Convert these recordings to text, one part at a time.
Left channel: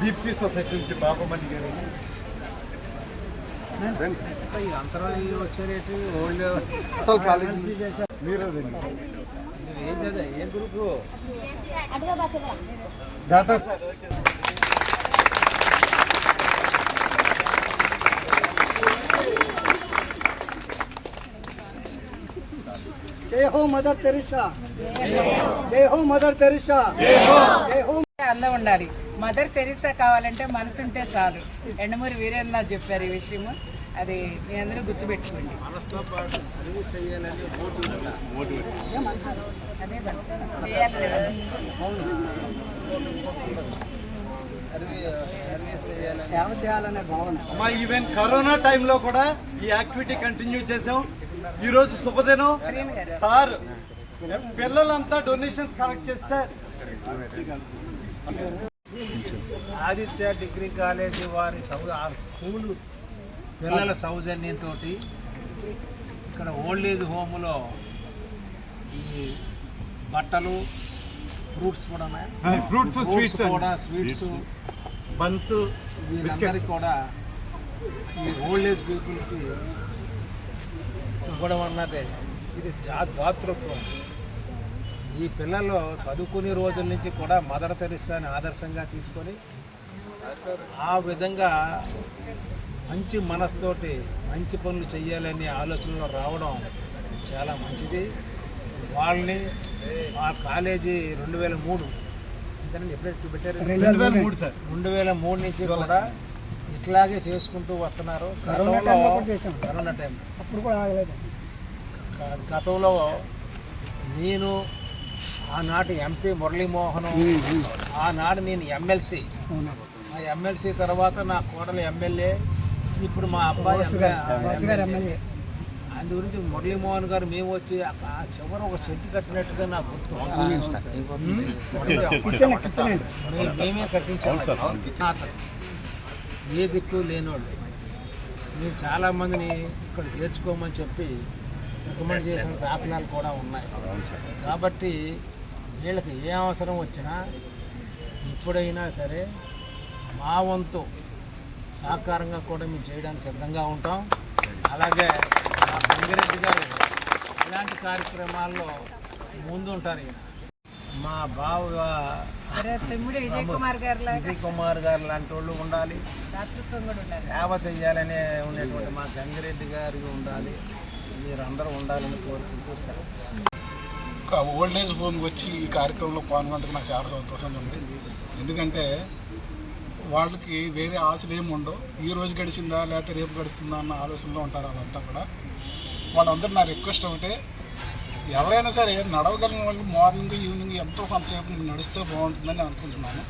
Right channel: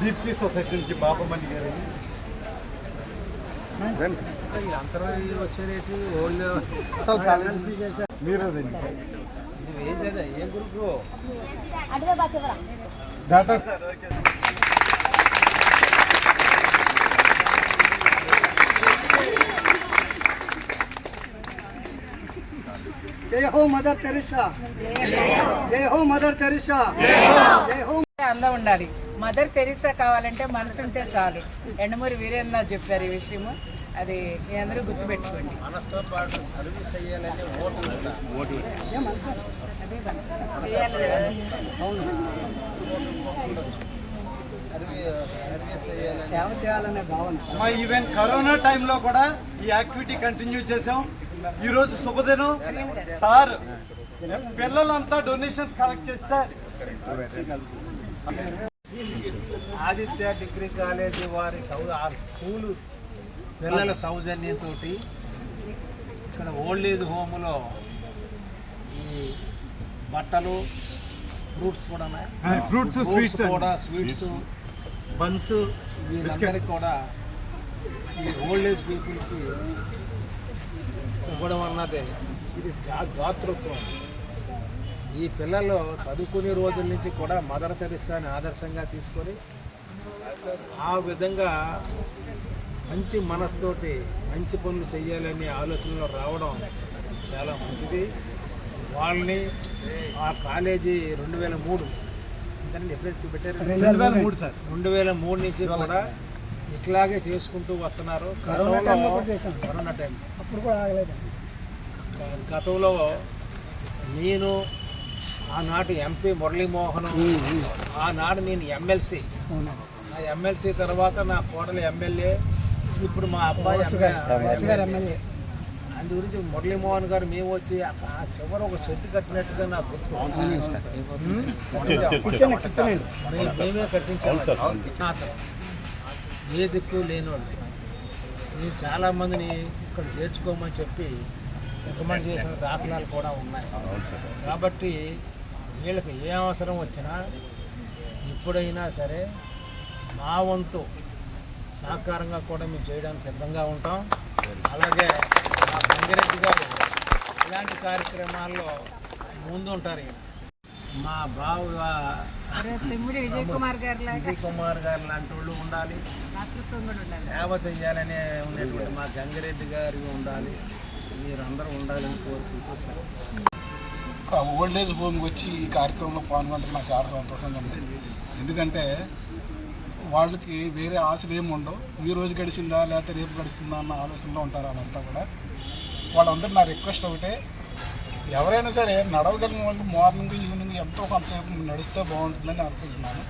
Deepti society నుంచి బాబమణి గారు అంతరం వచ్చే రేటు ఓల్డ్ మీరే రండి ఏం కదా ఏ గ్రూపు డాటా సార్ ఓకే హో మదర్ తెరిసా. జై హో మదర్ తెరిసా. జై హో. అందం ఉండాలి. మదర్ తెరిసా కావాలంటే మనసు ఉంటే చాలు. ఎండమూరి వీరేంద్ర చెప్పారు ఈ విషయము. అది మీ అందరూ గుర్తుపెట్టుకోండి. సేవ చేయాలనే భావన. ఈవెన్ కరోనా టైంలో కూడా ఈ యాక్టివిటీ కంటిన్యూ చేసాం ఈ రోజు శుభదినం. సార్ పిల్లలంతా డొనేషన్స్ కలెక్ట్ చేస్తారు ఆదిత్య డిగ్రీ కాలేజీ వారి సౌ ఆ స్కూలు పిల్లల సౌజన్యంతో ఇక్కడ ఓల్డ్ ఏజ్ హోమ్లో ఈ బట్టలు ఫ్రూట్స్ కూడా ఉన్నాయి. ఫ్రూట్స్ ఫ్రూట్స్ స్వీట్స్ కూడా స్వీట్స్ బన్స్ వీళ్ళందరికీ కూడా ఈ ఓల్డ్ ఏజ్ పీపుల్కి ఇవ్వడం అన్నది ఇది దాతృత్వం ఈ పిల్లలు చదువుకునే రోజుల నుంచి కూడా మదర్ తెరిసాని ఆదర్శంగా తీసుకొని ఆ విధంగా మంచి మనస్తోటి మంచి పనులు చేయాలనే ఆలోచనలో రావడం చాలా మంచిది. వాళ్ళని ఆ కాలేజీ రెండు వేల మూడు. ఎప్పుడైతే పెట్టారు రెండు వేల మూడు సార్. రెండు వేల మూడు నుంచి కూడా ఇట్లాగే చేసుకుంటూ వస్తున్నారు. కరోనా టైంలో కూడా. Corona time. అప్పుడు కూడా ఆగలేదండి క- గతంలో నేను ఆనాటి ఎంపీ మురళీమోహన్ ఆనాడు నేను ఎమ్మెల్సీ. అవునా? ఆ ఎమ్మెల్సీ తర్వాత నా కోడలు ఎమ్మెల్యే ఇప్పుడు మా అబ్బాయి ఎమ్మెల్యే. అందు గురించి మురళీమోహన్ గారు మేము వచ్చి ఆ చివర ఒక చెట్టు కట్టినట్టుగా నాకు గుర్తు. మేమే కట్టించాము అతను ఏ దిక్కు లేనోళ్ళు. మేము చాలామందిని ఇక్కడ చేర్చుకోమని చెప్పి రికమెండ్ చేసిన దాఖలాలు కూడా ఉన్నాయి. కాబట్టి వీళ్ళకి ఏ అవసరం వచ్చినా ఎప్పుడైనా సరే మా వంతు సహకారంగా కూడా మేము చేయడానికి సిద్ధంగా ఉంటాం. అలాగే మా గంగిరెడ్డి గారు ఇలాంటి కార్యక్రమాల్లో ముందుంటారు ఈయన. మా బావ విజయ్ కుమార్ గారి లాగా విజయ్ కుమార్ గారు లాంటి వాళ్ళు ఉండాలి. సేవ చేయాలనే ఉండేటువంటి మా గంగిరెడ్డి గారు ఉండాలి. మీరందరూ ఉండాలని కోరుకుంటూ ఓల్డ్ ఏజ్ హోమ్కి వచ్చి ఈ కార్యక్రమంలో పాల్గొనడం నాకు చాలా సంతోషంగా ఉంది. ఎందుకంటే వాళ్ళకి వేరే ఆశలు ఏమి ఉండవు. ఈ రోజు గడిచిందా లేకపోతే రేపు గడుస్తుందా అన్న ఆలోచనలో ఉంటారు వాళ్ళంతా కూడా. వాళ్ళందరూ నా రిక్వెస్ట్ ఒకటే ఎవరైనా సరే నడవగలిగిన వాళ్ళు మార్నింగ్ ఈవినింగ్ ఎంతో కొంతసేపు నడిస్తే బాగుంటుందని అనుకుంటున్నాను.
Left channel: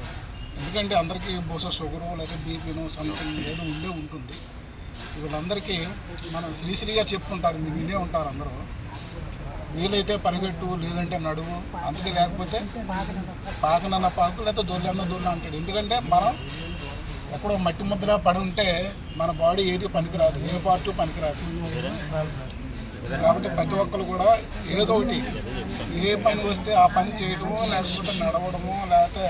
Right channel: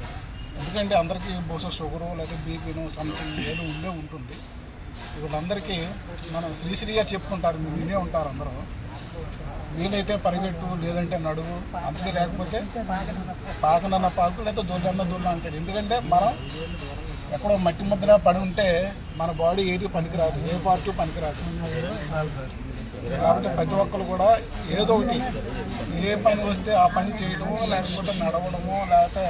ఎందుకంటే అందరికీ బహుశా షుగరు లేదా బీపీను సంథింగ్ ఏదో ఉండే ఉంటుంది. వీళ్ళందరికీ మనం శ్రీశ్రీగా చెప్పుకుంటారు మీరు వినే ఉంటారు అందరూ. వీలైతే పరిగెట్టు లేదంటే నడువు అంతే లేకపోతే పాకనన్న పాకు లేకపోతే దొల్లన్న దొల్ల అంటాడు. ఎందుకంటే మనం ఎక్కడో మట్టి ముద్దలా పడి ఉంటే మన బాడీ ఏది పనికిరాదు ఏ పార్ట్ పనికిరాదు. కాబట్టి ప్రతి ఒక్కరు కూడా ఏదో ఒకటి ఏ పని వస్తే ఆ పని చేయడము లేకపోతే నడవడమో లేకపోతే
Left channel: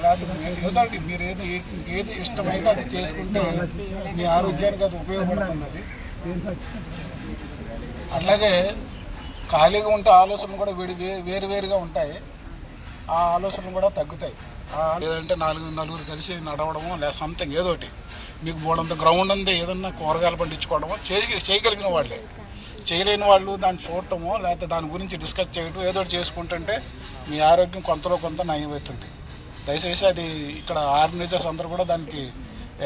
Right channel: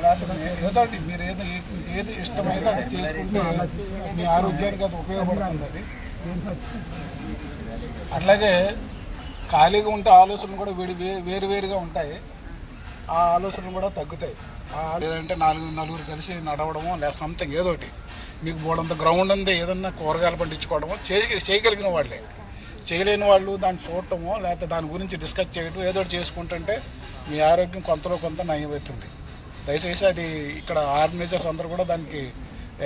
లేకపోతే ఏదో ఒకటి మీరు ఏది ఏది ఇష్టమైతే అది చేసుకుంటే మీ ఆరోగ్యానికి అది ఉపయోగపడుతుంది. అది అట్లాగే ఖాళీగా ఉంటే ఆలోచనలు కూడా విడి వే- వేరు వేరుగా ఉంటాయి. ఆ ఆలోచనలు కూడా తగ్గుతాయి. లేదంటే నాలుగు నలుగురు కలిసి నడవడమో లేదా సంథింగ్ ఏదో ఒకటి. మీకు బోడంత గ్రౌండ్ ఉంది ఏదన్నా కూరగాయలు పండించుకోవడమో చేయ చేయగలిగిన వాళ్ళే. చేయలేని వాళ్ళు దాన్ని చూడటమో లేకపోతే దాని గురించి డిస్కస్ చేయడం ఏదో చేసుకుంటుంటే మీ ఆరోగ్యం కొంతలో కొంత నయమవుతుంది దయచేసి అది ఇక్కడ ఆర్గనైజర్స్ అందరూ కూడా దానికి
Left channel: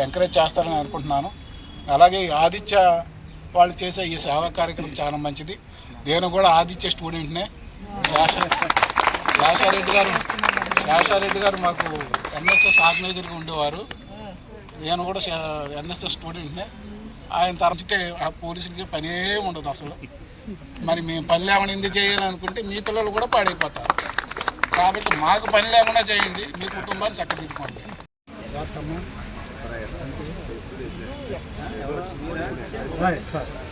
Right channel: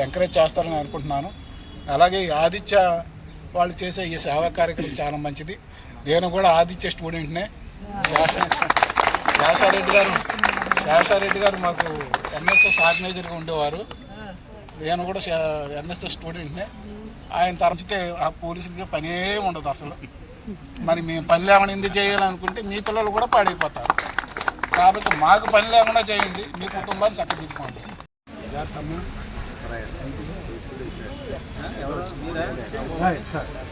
ఎంకరేజ్ చేస్తారని అనుకుంటున్నాను. అలాగే ఆదిత్య వాళ్ళు చేసే ఈ సేవా కార్యక్రమం చాలా మంచిది. నేను కూడా ఆదిత్య స్టూడెంట్నే శేష శేషారెడ్డి గారు శేషారెడ్డి గారు మాకు ఎన్ఎస్ఎస్ ఆర్గనైజర్గా ఉండేవారు. నేను కూడా ఎన్ఎస్ఎస్ స్టూడెంట్నే. ఆయన తరచితే ఆ పోలీసులకి పనే ఉండదు అసలు. మరి మేము పని లేకుండా ఎందుకు చేయాలనుకుంటే మీ పిల్లలు కూడా పాడైపోతారు. కాబట్టి మాకు పని లేకుండా చేయండి మీ కుటుంబాన్ని చక్కదిద్దుకోండి సార్.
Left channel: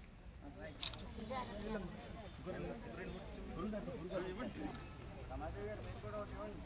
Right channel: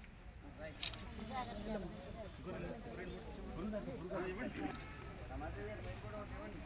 సమాజ గారు మేము కూడా ఒకటి ఇవ్వండి